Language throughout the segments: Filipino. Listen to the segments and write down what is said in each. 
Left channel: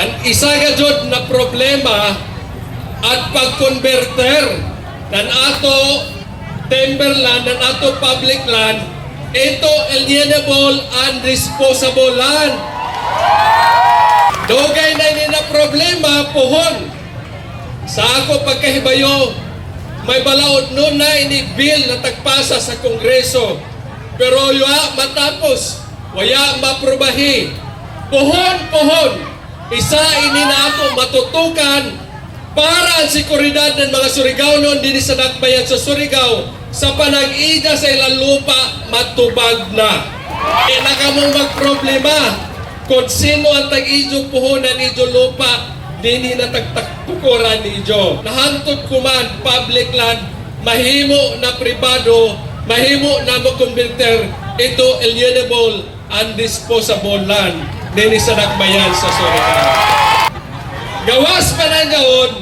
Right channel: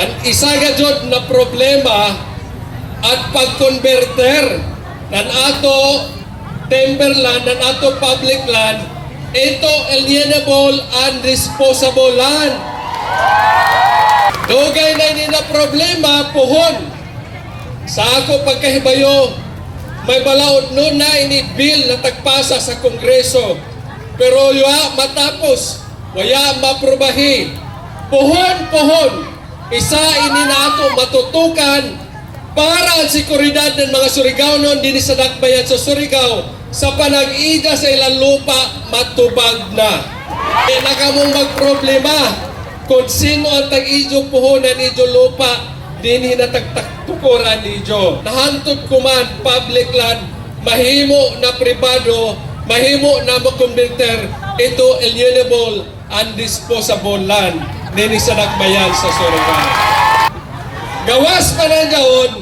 Ang isa nga jud na problema at pag-converter ng ato timberland, ng ato public land, ito alienable and disposable land. Dugay na ini na problema, puhon. Sa ako pagkahibayo, may balaod nun na ini bill na tagpasa sa Kongreso. Pero yuha matapos, waya maprubahi. Puhon, isa ini na ato matutukan para ang sekuridad ng mga Surigao-non din sa dakbayan sa Surigao sa panag-ida sa ilang lupa matubag na. E nakamong magproblema kung sino ang tag-idyo puhonan idyo lupa din hinatagtukuran idyo. Nahantod kuman public land, mahimo na pribado, mahimo na makonverter, ito alienable and disposable land din sa dakbayan sa Surigao. Gawas pa ng gaon,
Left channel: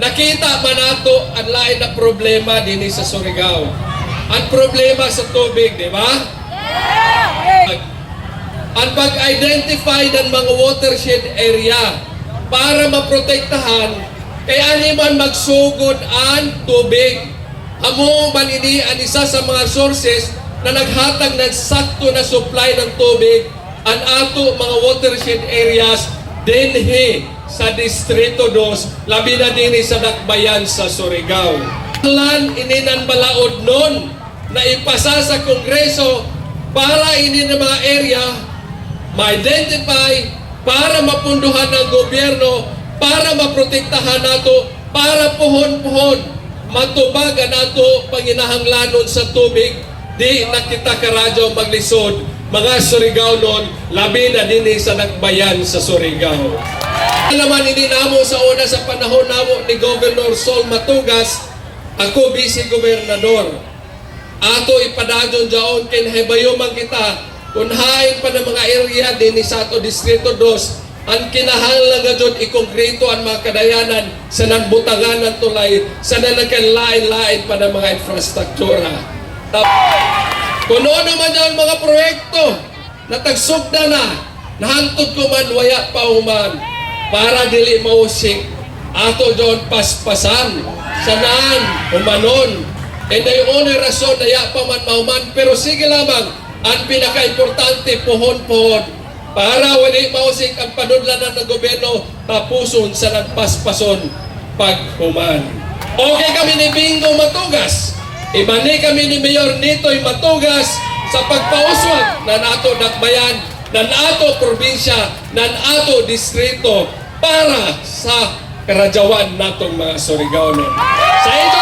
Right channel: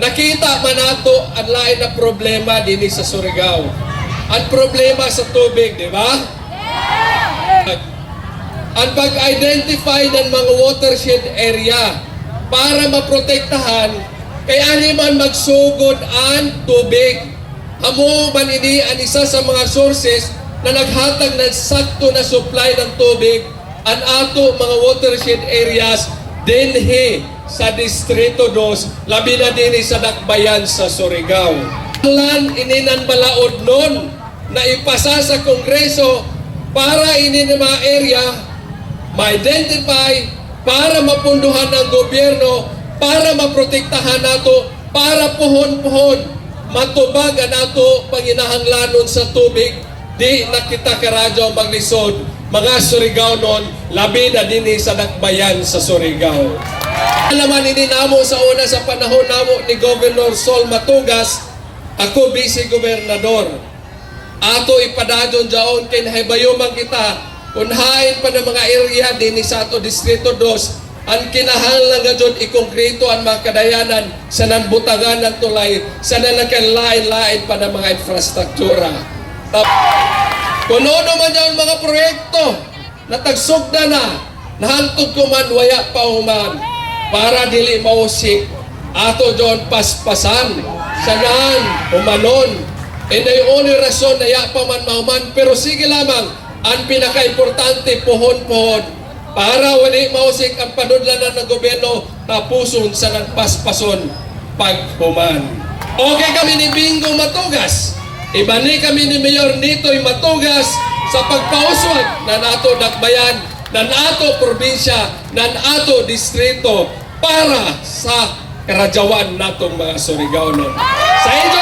nakita man nato ang lain na problema din sa Surigao. Ang problema sa tubig, di ba? Ang pag-identify ng mga watershed area para maprotektahan, kaya ani man magsugod ang tubig. Amo man ini ang isa sa mga sources na naghatag ng sakto na supply ng tubig ang ato mga watershed areas dinhi sa Distrito 2, labi na din sa dakbayan sa Surigao. Lan ininan balaod nun na ipasa sa Kongreso para ini na mga area ma-identify, para mapunduhan ng gobyerno, para maprotektahan nato, para puhon-puhon matubag ang nato panginahanglanon sa tubig. Di nakita karadyo maglisod mga Surigao-non, labi na din sa dakbayan sa Surigao. Naman ininamo sa una sa panahon namo ni Governor Sol Matugas, ako vice-gobernador. Ato ipadadon jaon kay nahibayuman kita kunhain pa ng mga area din sa ato Distrito 2 ang kinahanglan nga jud ikongkrito ang mga kadayanan sa nagbutangan ng tulay sa nagkalain-lain pa ng mga infrastruktura. Kuno naman ang mga proyekto na tagsugda na nahantod ko man waya pa human para dili mausip ato doon paspasan sanan umanon. And ay only rason na ya pa man mahuman, pero sige lamang ang pinaka-importante puhon-puhon para wali mausik ang panudlanan ng gobyerno tapuson sa nagpaspason paghuman. Okay kami ni Bingo Matugas. Ibani kami ni Mayor Nitoy Matugas sa pagpauswag na nato dakbayan, na nato probinsya, na nato distrito para sa karadyawan natong mga Surigao-non. Sa inyo